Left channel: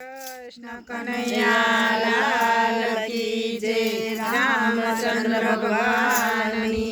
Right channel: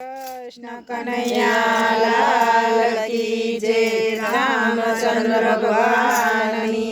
કૃષ્ણ કનૈયા લાલ કી જય રામચંદ્ર ભગવાનની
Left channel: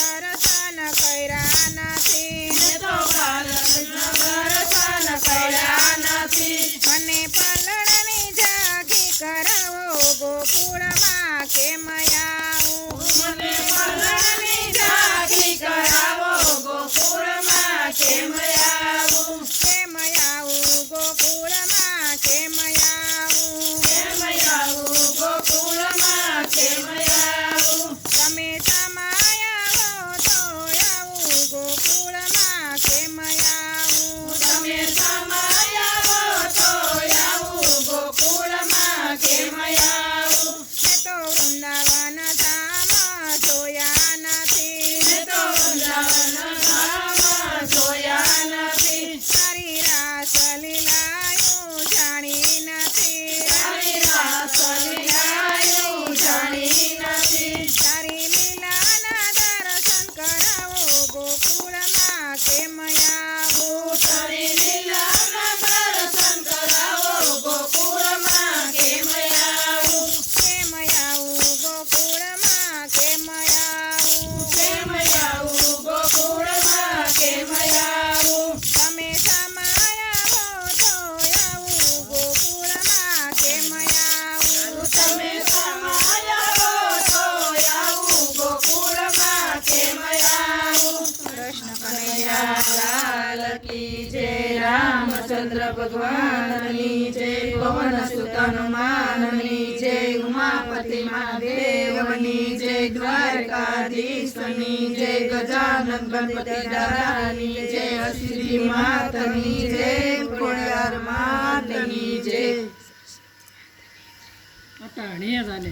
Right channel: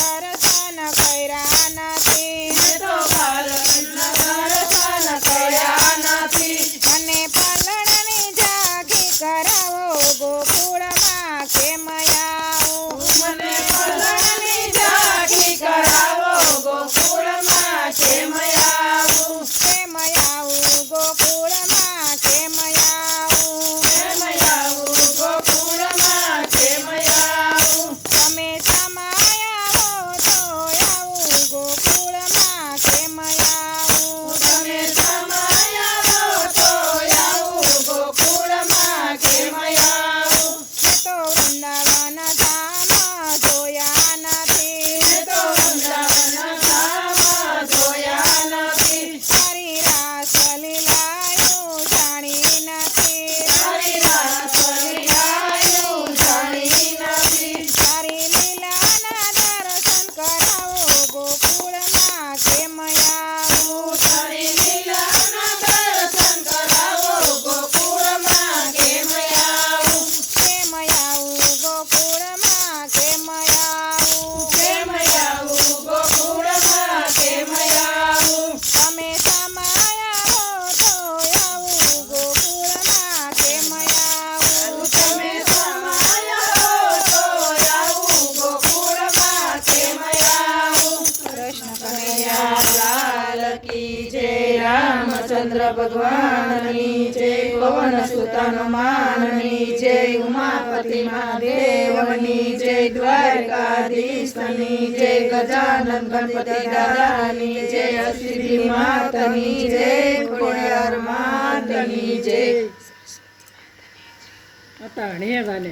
દર્શન કર્યા રામચંદ્ર ભગવાનની જય, પવન સુતન જય, ઉમાપતિ મહાદેવની જય, દ્વારકાધીશની જય ગજાનન ગણપતિ દાદાની જય સિદ્ધિ માતની જય પુણ્યર માતની જય. અટાણે વાલે